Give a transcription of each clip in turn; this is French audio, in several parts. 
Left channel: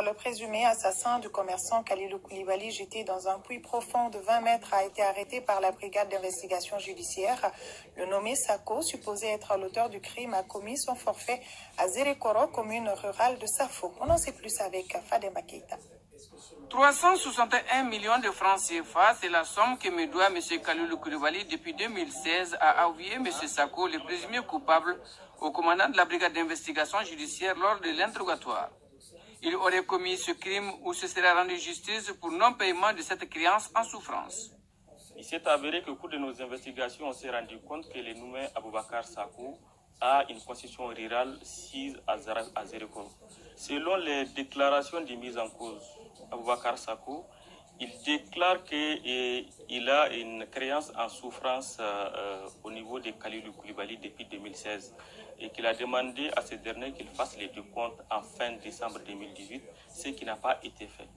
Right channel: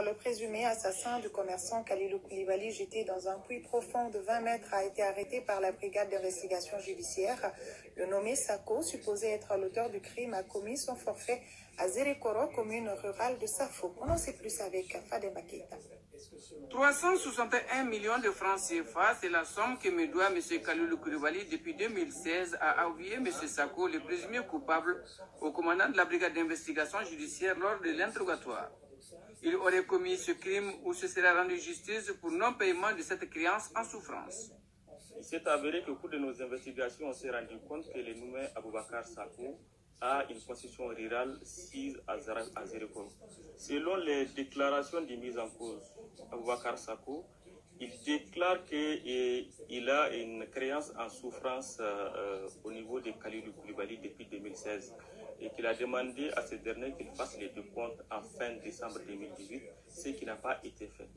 Le présumé assassin du commerçant Kalilou Koulibaly, jeté dans un puits profond de 20 mètres, a été arrêté par la brigade d'investigation judiciaire. Le nommé Sako, supposé être l'auteur du crime, a commis son forfait à Zérekoro, commune rurale de Safo. On en sait plus avec Fadema Keita. 361 millions de francs CFA, c'est la somme que me doit M. Kalilou Koulibaly depuis 2016 à avouer M. Sako, le présumé coupable, au commandant de la brigade d'investigation judiciaire lors de l'interrogatoire. Il aurait commis ce crime ou se serait rendu justice pour non-paiement de cette créance en souffrance. Il s'est avéré qu'au cours de nos investigations, on s'est rendu compte que le nommé Aboubakar Sako a une concession rurale sise à Zérekoro. Selon les déclarations de mise en cause, Aboubakar Sako, il déclare qu'il a une créance en souffrance au niveau de Kalilou Koulibaly depuis 2016 et qu'il a demandé à ce dernier qu'il fasse les décomptes en fin décembre 2018, ce qui n'a pas été fait.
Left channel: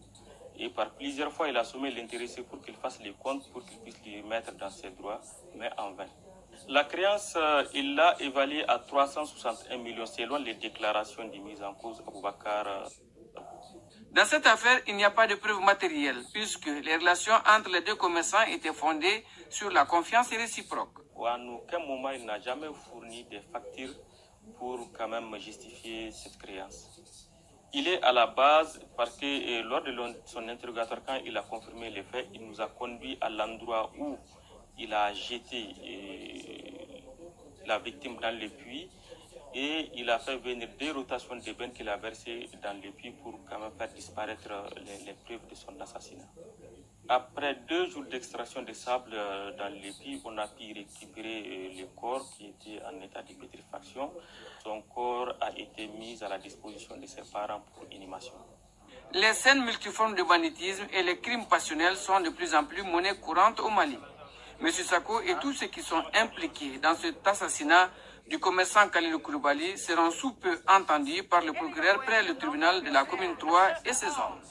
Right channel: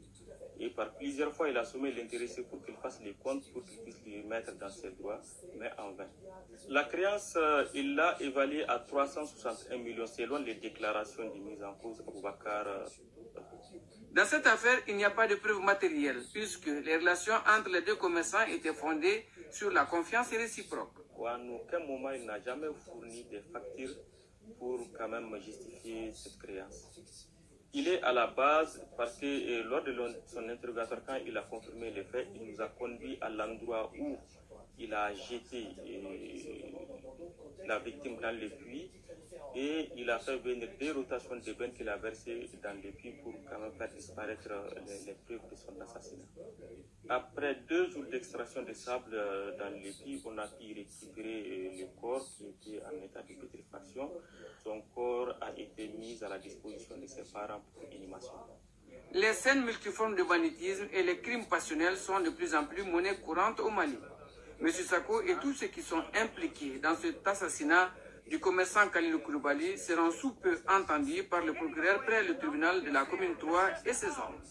Et par plusieurs fois, il a sommé l'intéressé pour qu'il fasse les comptes pour qu'il puisse les mettre dans ses droits, mais en vain. La créance, il l'a évaluée à 361 millions selon les déclarations de mise en cause Aboubakar. Dans cette affaire, il n'y a pas de preuves matérielles, puisque les relations entre les deux commerçants étaient fondées sur la confiance réciproque. À aucun moment, il n'a jamais fourni des factures pour quand même justifier cette créance. Il est à la base parce que lors de son interrogatoire, quand il a confirmé les faits, il nous a conduit à l'endroit où il a jeté la victime dans le puits et il a fait venir des rotations de bennes qu'il a versées dans le puits pour quand même faire disparaître les preuves de son assassinat. Après 2 jours d'extraction de sable dans le puits, on a pu récupérer le corps qui était en état de putréfaction. Son corps a été mis à la disposition de ses parents pour inhumation. Les scènes multiformes de banditisme et les crimes passionnels sont de plus en plus monnaie courante au Mali. M. Sako et tous ceux qui sont impliqués dans cet assassinat du commerçant Kalilou Koulibaly seront sous peu entendus par le procureur près le tribunal de la commune 3 et ses hommes.